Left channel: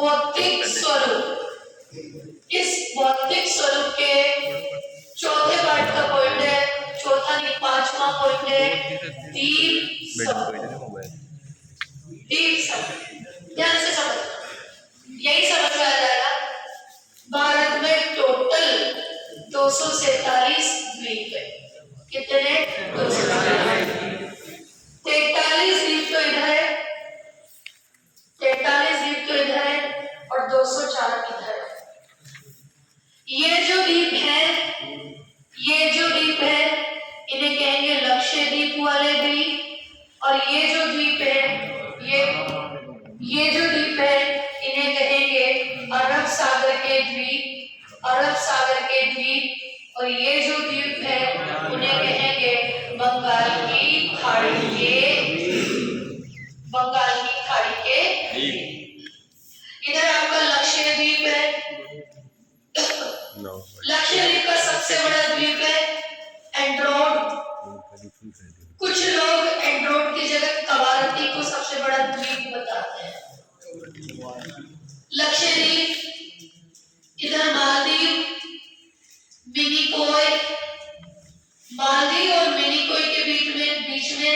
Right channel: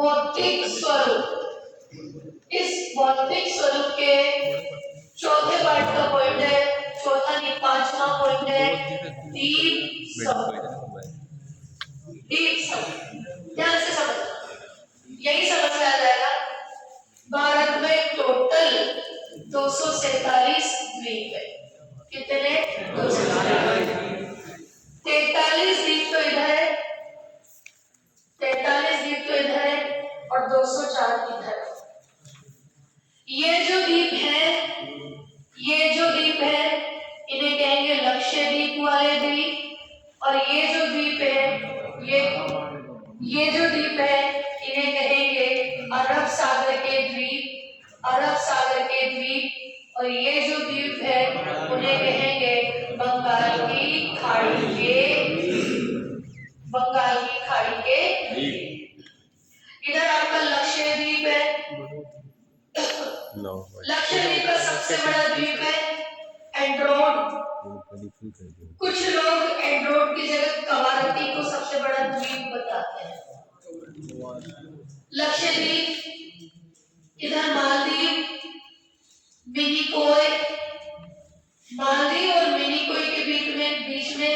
भौतिक स्वरूप। इस भौतिक स्वरूप के चौथे पार्ट का पॉइंट है, चौथा नहीं पांचवा पॉइंट है दीप समुद्र। दीप समुद्र ध्यान से समझना, यही समझ में आ जाएगा। भारत में टोटल 247 द्वीप है। कितने? 243 द्वीप तो इधर है, 43 द्वीप तो इधर है और 204 इधर है। ये जो द्वीप है इन्हें कहेंगे लक्षद्वीप वाले द्वीप, और ये जो द्वीप है ये जो द्वीप है इन्हें कहेंगे अरब सागर के द्वीप, अरब सागर के द्वीप। और ये जो द्वीप है उन्हें कहेंगे बंगाल की खाड़ी के द्वीप। इधर आपका लक्षद्वीप है। लक्षद्वीप का सबसे बड़ा द्वीप है एंड्रोड। कुछ लोग एंड्रोड की जगह कवारत्ती को सबसे बड़ा द्वीप बताते हैं। लक्षद्वीप, इधर मालदीव, मिनिकोय। मालदीव और मिनिकोय के बीच में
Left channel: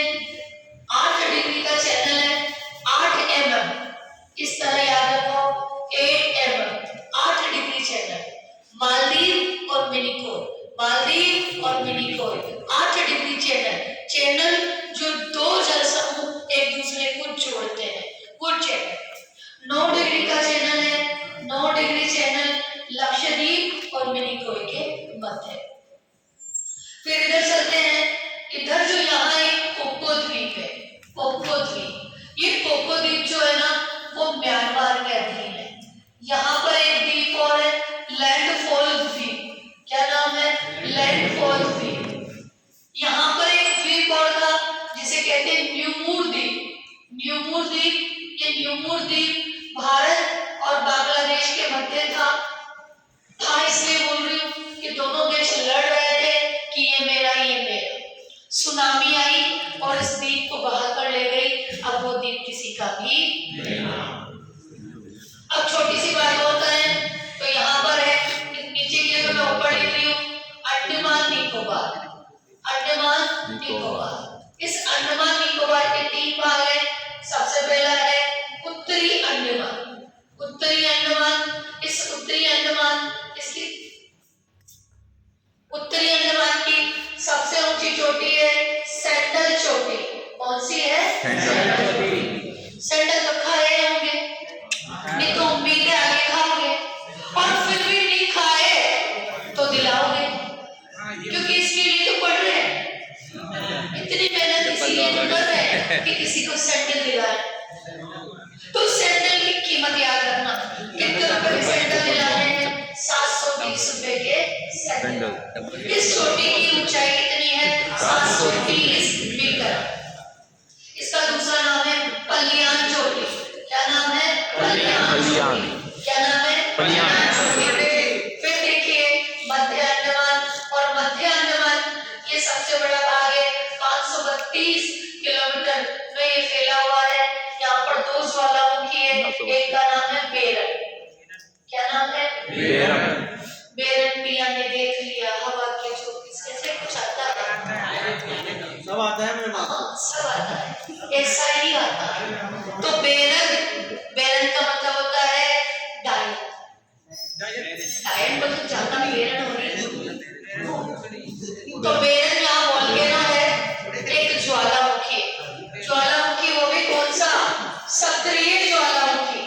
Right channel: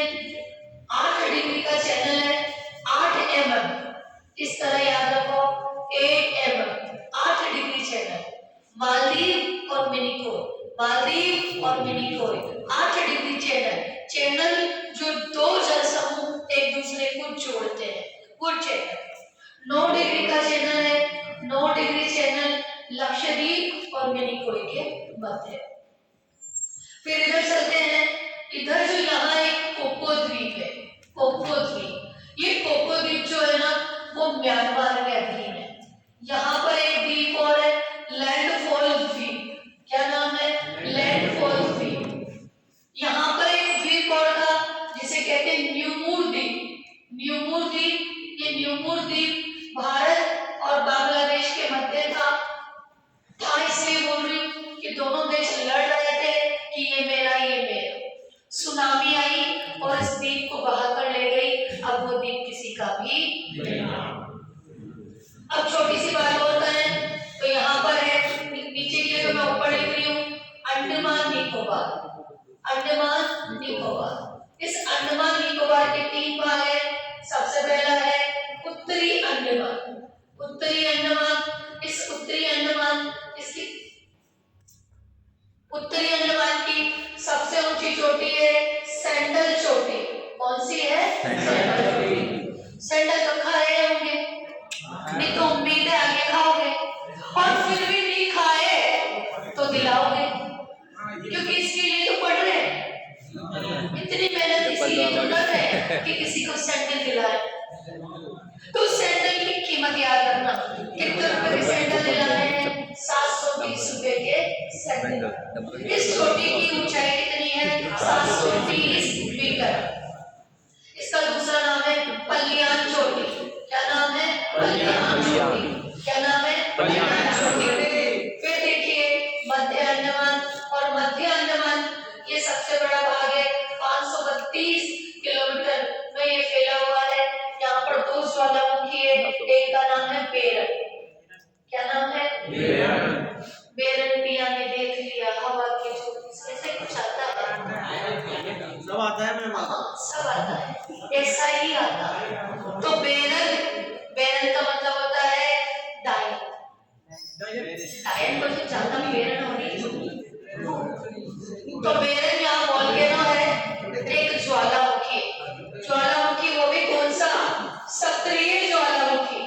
8 डिग्री का चैनल है, 8 mm। इस तरह याद रखो, 8 mm, 8 डिग्री चैनल। मालदीव और मिनिकोय, मालदीव और मिनिकोय 8 डिग्री चैनल जो दो जल समूह एक दूसरे को जोड़ते हैं, वो चैनल 9 डिग्री का चैनल है। 9 डिग्री चैनल लक्षद्वीप और मिनिकोय के मध्य। फिर इधर चलते हैं, इधर जो यहाँ एक कोको द्वीप है, कोको द्वीप। ये कोको द्वीप जो है ना वो म्यांमार के अधीन है। यहाँ पर एक द्वीप और है लैंडफॉल द्वीप। क्या नाम है? लैंडफॉल द्वीप। यहाँ पर एक द्वीप और था जिसे कहते हैं न्यूमूर द्वीप। न्यूमूर द्वीप, ये न्यूमूर द्वीप भारत और बांग्लादेश के मध्य था इसलिए बोल रही हूँ कि दोनों देश लड़ रहे थे कि ये मेरा। सुनामी आई और इस द्वीप को बहा कर ले गई। अब वो द्वीप किसी का भी नहीं। अब छोटी सी बात और करें तो यहाँ पर है, नीचे की जगह मैं ऊपर लिख रही हूँ अंडमान निकोबार। अंडमान निकोबार, इस अंडमान निकोबार के 3 भाग है। सबसे पहला है उत्तरी अंडमान। उत्तरी अंडमान, इस उत्तरी अंडमान, इसकी उत्तरी अंडमान की सबसे ऊंची चोटी है सैंडल चोटी। कौन सी है? सैंडल चोटी। सैंडल तो खाए होंगे, नहीं तो उम्मीद है आगे खाओगे, और फिर भी नहीं खाए तो दिलाओगे, क्योंकि इसके लिए तो पढ़ रहे हैं, इतनी मेहनत इसीलिए तो कर रहे हैं कि किसी को सैंडल दिलाए। तो सैंडल की कीमत याद रखना, कितने रुपए के सैंडल दिलाने हैं? 720 रुपए के सैंडल। इस चोटी की ऊंचाई कितनी है? 730 मीटर। इसका दूसरा नाम है पलियान चोटी। क्या नाम है? पलियान चोटी। क्या नाम है? पलियान चोटी। फिर देखिए मध्य अंडमान, और मध्य अंडमान ये सबसे बड़ा भाग है, 532 किलोमीटर में ये फैला हुआ है। यहाँ पर 2 ज्वालामुखी है, एक का नाम है बेरन। क्या नाम है? बेरन। बेरन पिया ने देख लिया हवा के झोंके से, ऐसे कुछ आता है? सब आता है, सब आता है, ऐसा ही आता है। तो बेरन का मतलब होता है डायन। डायन को तो ज्यादा बेरन हो रही है। तो बेरन यहाँ वोल्केनो है, एक ज्वालामुखी। ज्वालामुखी वो भी कौन सा? सक्रिय ज्वालामुखी।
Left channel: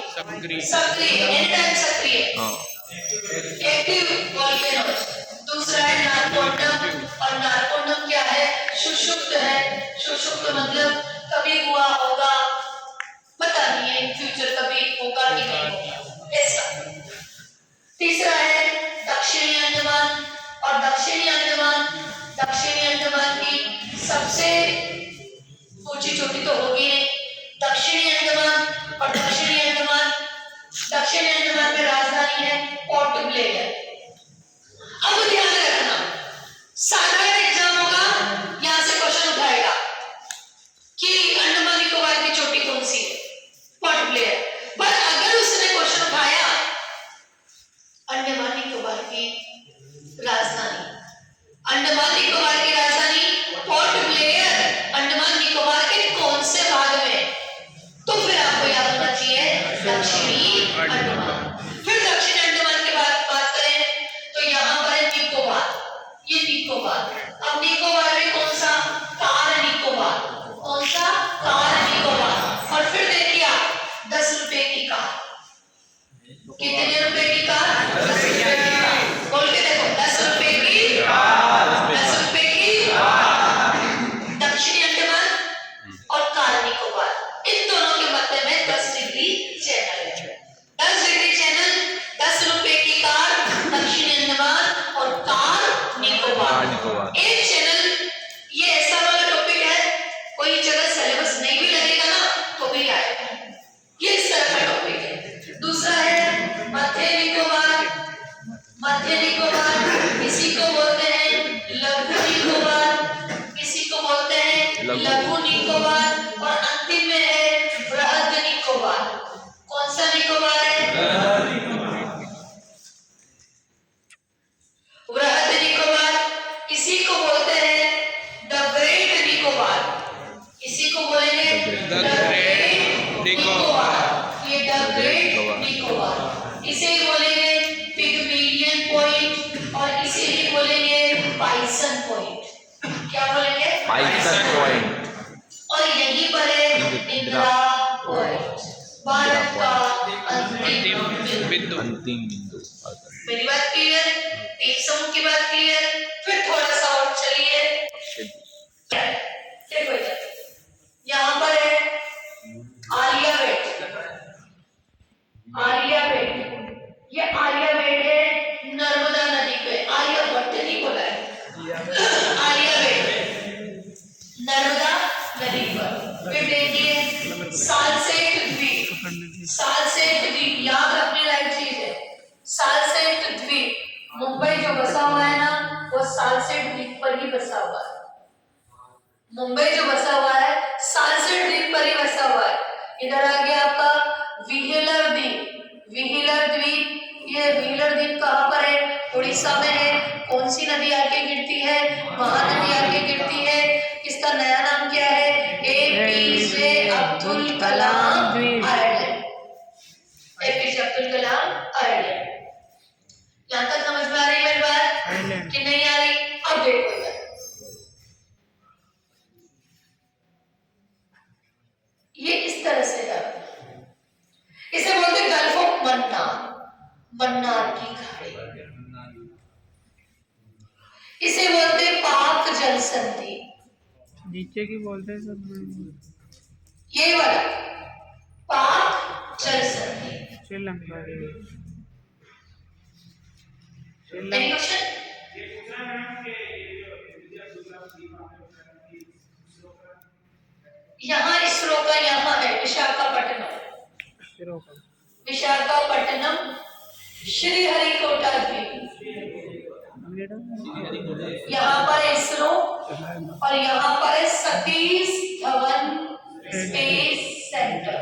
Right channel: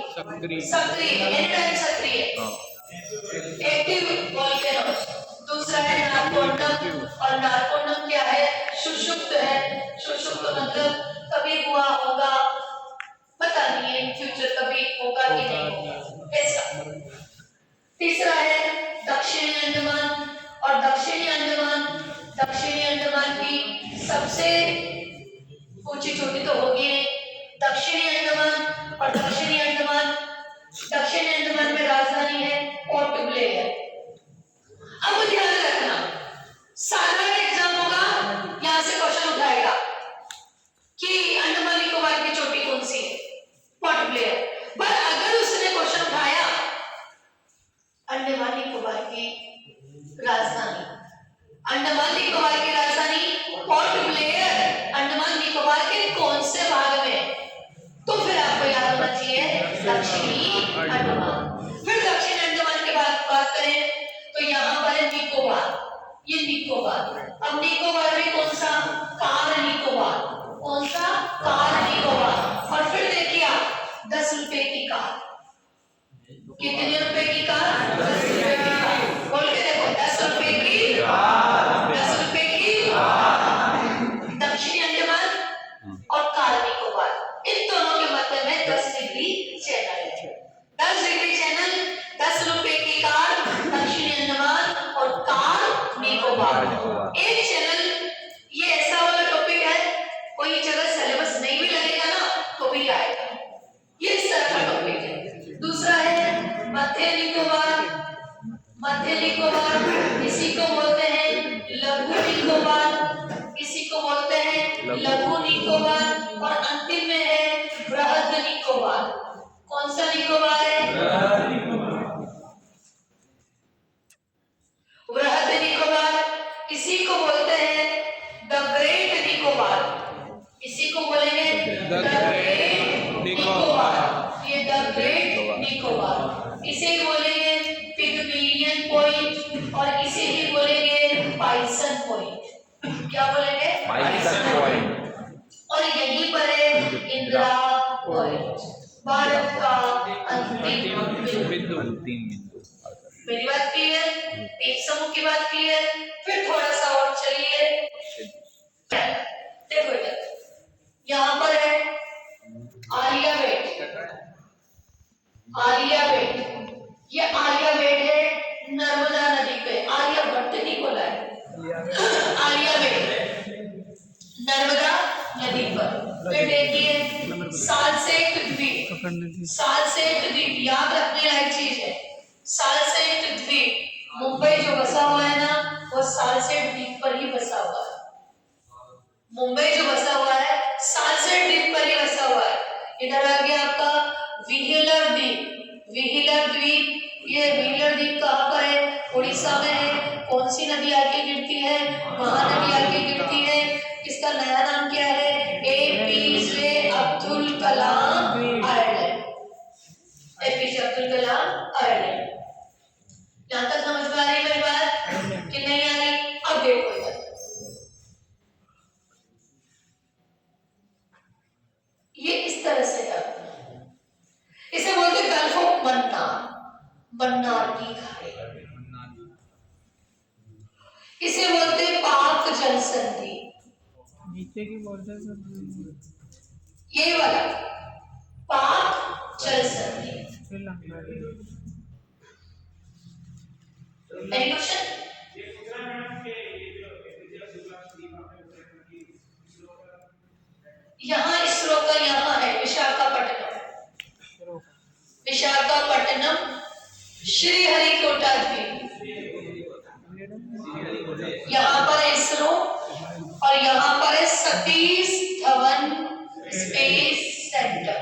सक्रिय एनीटाइम सक्रिय, एक्टिव वोल्केनो। दूसरा है नारकोंडम, और नारकोंडम क्या है? सुषुप्त है। सुषुप्त मतलब कभी हुआ होगा, पता नहीं है फ्यूचर कभी होगा कि नहीं होगा, ऐसा। तीसरा है दक्षिणी अंडमान, और दक्षिणी अंडमान की सबसे ऊंची चोटी तो होगी नहीं। दक्षिणी अंडमान और दक्षिणी अंडमान में राजधानी है पोर्ट ब्लेयर। अब ध्यान रखना, साधारण एग्जाम होगा, यहां से क्वेश्चन उठाएगा कि अंडमान निकोबार की चोटी कौन सी है? Port Blair. पर अगर उसने क्वेश्चन डिग्री चैनल है। 10 डिग्री चैनल, 10 रुपए की कार, दक्षिणी अंडमान और कार निकोबार। एक चैनल, ये ऐसा वाला टॉपिक है, कोई जगह सिलेबस नहीं भी लगेगा ना तो भी आएगा, ये इस तरह का टॉपिक है। दूसरा है मध्य निकोबार। मध्य निकोबार किसी को बोलते हैं लघु निकोबार, किसी को बोलते हैं लघु निकोबार, और अंतिम में है बृहद निकोबार। कौन सा निकोबार है? बृहद निकोबार। किसी को बोलते हैं द ग्रेट निकोबार, किसी को बोलेंगे द ग्रेट निकोबार, ये द ग्रेट निकोबार। इसे बोलेंगे पिग्मेलियन पॉइंट और इसे ही बोलेंगे पाइसन पॉइंट। क्या बोलेंगे? पाइसन पॉइंट। और यहीं पर है इंदिरा पॉइंट, भारत का अंतिम बिंदु। मेरी बात क्लियर? एक समूह की बात क्लियर? फिर थोड़ा सा और चलिए, देखो इधर, यहाँ पर है आर्यभट्ट। आर्यभट्ट, ये आर्यभट्ट है नर्मदा नदी पे, आर्यभट्ट नहीं बोला है, आर्यभट्ट नर्मदा नदी पर। फिर देखिए सालसेट द्वीप। सालसेट द्वीप याद रखने लायक चीज है। सालसेट द्वीप, मुंबई जो बसा हुआ है ना, वो सालसेट द्वीप पर ही बसा हुआ है। मुंबई जो बसा हुआ है सालसेट द्वीप पर ही बसा हुआ है। इधर आ गया आपका व्हीलर द्वीप। व्हीलर द्वीप, ये व्हीलर द्वीप कहाँ पर है? उड़ीसा में है। कौन सी नदी आके गिरती है? महानदी आके गिरती है। इसका नया नाम क्या है? APJ Abdul Kalam island. APJ Abdul Kalam island. यहाँ तक समझ में आ रही मेरी बात कि नहीं आ रही? अब देखो इधर, ये इस तरह से है, इसे बोलते हैं गल्फ ऑफ मन्नार, मन्नार की खाड़ी। इसे बोलते हैं पाक जल संधि। नीचे की बोलते हैं सब, यही वाला पाक जल संधि। Sri Lanka any question? यहाँ इसरो का यहाँ है विशाखापट्टनम। विशाखापट्टनम, श्रीहरिकोटा द्वीप, यहाँ पर है इसरो और यहाँ पर है Satish Dhawan space centre.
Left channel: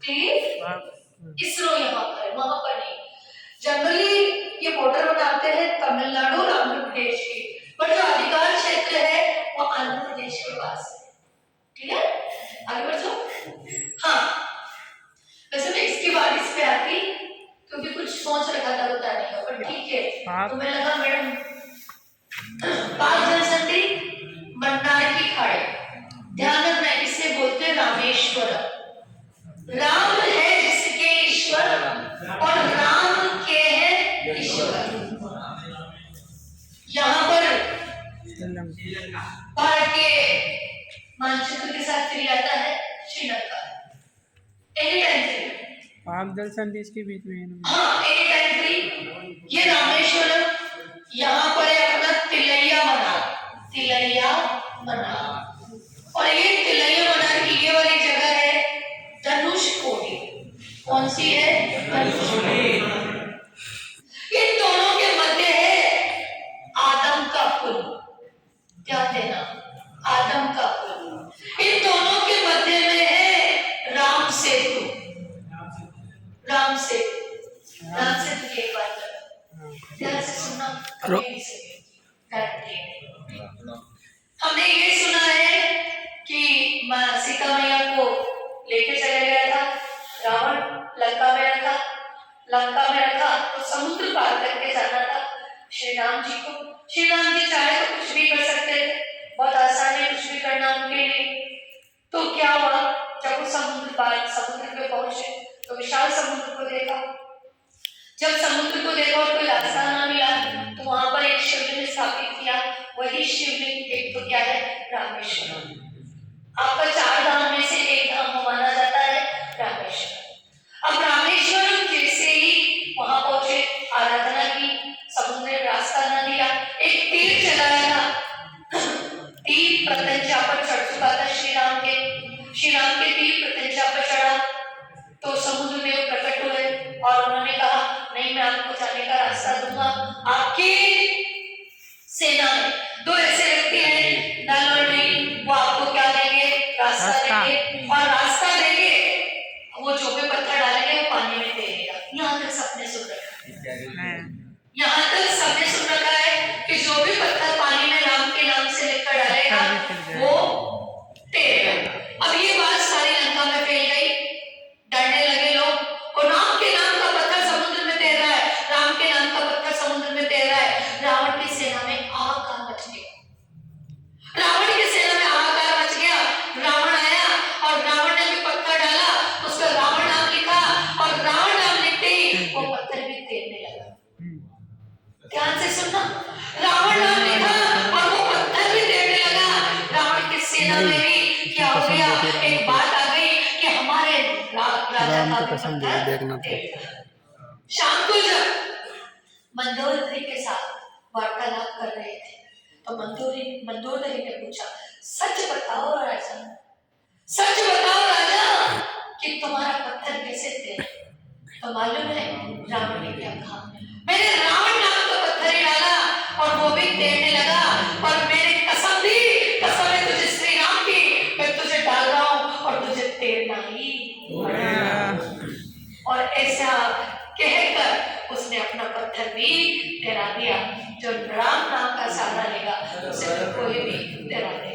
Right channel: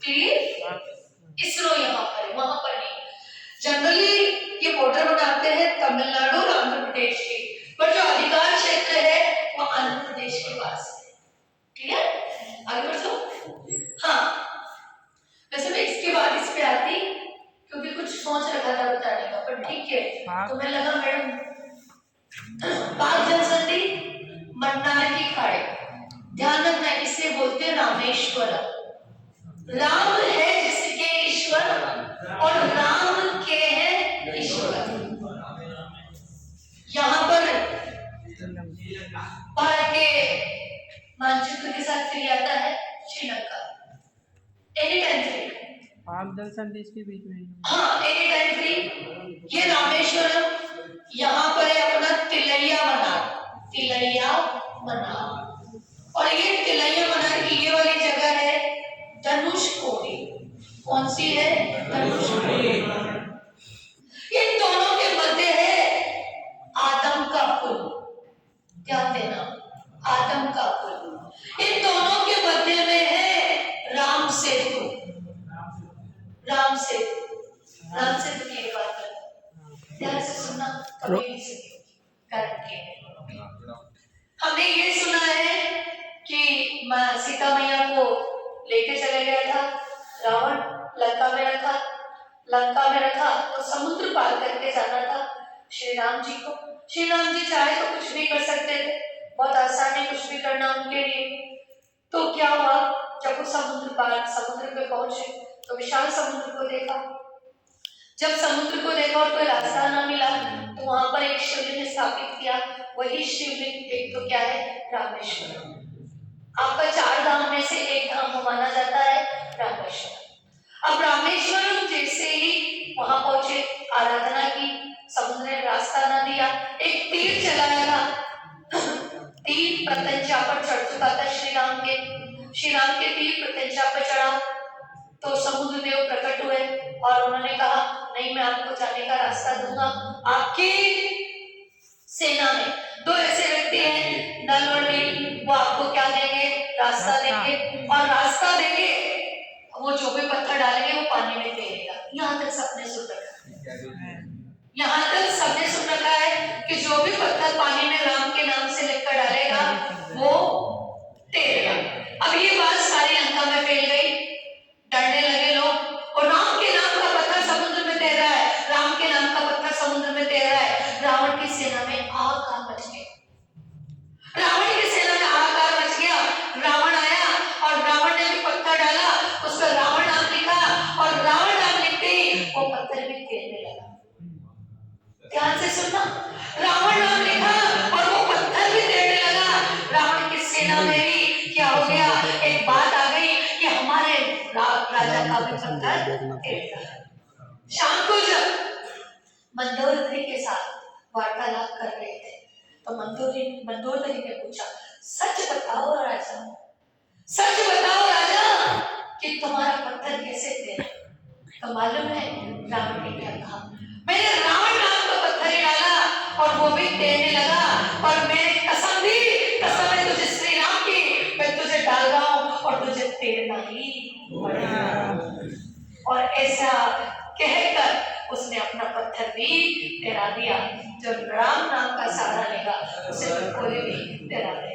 Clear? ISRO यहाँ पर है, वहां पर नहीं। जनरली ये बॉर्डर बनाते हैं तमिलनाडु और आंध्र प्रदेश की, पर जो अधिकार क्षेत्र है वो आंध्र प्रदेश के पास है। क्लियर? आगे बढ़ जाओ। हाँ, वैसे मैं इसके बाद इस पे आती क्योंकि कुछ सोच रखा था बताने का, पर ठीक है। तो मैं लगा मैडम पाक जल संधि, मन्नार की खाड़ी। ध्यान रखना इसे बोलते हैं रामेश्वरम। राम है जिसके ईश्वर और राम के है ईश्वर। यहाँ पर भारत के मानचित्र के साथ फिर आता है श्रीलंका। Any time free. पाक जल संधि इसके बीच में है ना? हाँ, एनी टाइम फ्री। ये रामेश्वरम, यहाँ पर है अपना तिलैया मनार। तिलैया मनार, और ये तिलैया मनार की ये वाली जगह है धनुषकोडी। कौन सी है? धनुषकोडी। इन दोनों के मध्य है आदम का पुल। ध्यान देना, आदम का पुल। इन दोनों के मध्य में है राम सेतु। राम सेतु, राम सेतु की एक बात करो, ध्यान से सुनना, कभी नहीं सुनेगी। हमने ये सुना है कि माँ सीता मैया को लेके चले गया था रावण, लंका में रखा। लंका में रखा तो समुद्र पार करके जाना था श्री राम जी को। श्री राम जी चाहे तो कुछ भी कर सकते थे, बहुत आसान है कुछ भी करना उनके लिए। तो क्या हुआ, जब वो समुद्र पे पहुंचे तो विशाल समुद्र को देखा। जब समुद्र को देखा और कोई रास्ता ना मिला तो वहां पर एक शिवलिंग स्थापित किया। वही शिवलिंग एक तो क्या है? रामेश्वरम। आपका 4 धाम में से एक धाम माना जाता है तो समुद्र देव प्रकट हुए और उन्होंने कहा नहीं, मैं आपको जाने का रास्ता दूंगा। आपकी सेना में दो ऐसे व्यक्ति हैं, नल और नील, वो आपको क्या देंगे? रास्ता देंगे, और रास्ता देंगे वो जो भी पत्थर डालेंगे वो पानी में तैरेगा। यहाँ तक सबने सुन रखा है, यहाँ तक सबने सुन रखा है कि जो भी पत्थर पानी में राम के नाम से लिखकर डालेगा वो तैरेगा। अब ये बात सारी लंका में फैल गई, डरने लगे लोग, और राम के नाम का पत्थर समुद्र में तैर रहा है, राम के नाम का पत्थर समुद्र में तैर रहा है। रावण की सेना में हाहाकार मच गया, रावण की सेना में हाहाकार मच गया। रावण आया और रावण ने भी पत्थर डाला, उस पर रावण नाम लिखा, और रावण नाम लिखते ही वो पत्थर भी तैरने लगा। ध्यान से सुनना, रावण नाम लिखा और वो पत्थर भी तैरने लगा। रावण की सेना में भी क्या हो गया? एक बात आ गई कि हमारे राजा का भी पत्थर तैरता। शाम को जब मंदोदरी के साथ वार्तालाप कर रहे थे तो मंदोदरी ने पूछा, सच बताओ राजा, सच बताओ राजा कि तुम्हारा पत्थर कैसे तैरा? तो मालूम है रावण ने क्या कहा? मैंने रावण नाम का पत्थर ही डाला और वो भी तैरने लगा, और मैंने कसम दी, कसम है तुझे श्री राम की, मैं तुझे डाल रहा हूं और तुझे तैरना ही पड़ेगा। और ऐसा कहकर उसने अपना पत्थर भी तैरा दिया। जो राम नाम का सहारा लेगा उसे तो कोई भी तैरा देगा।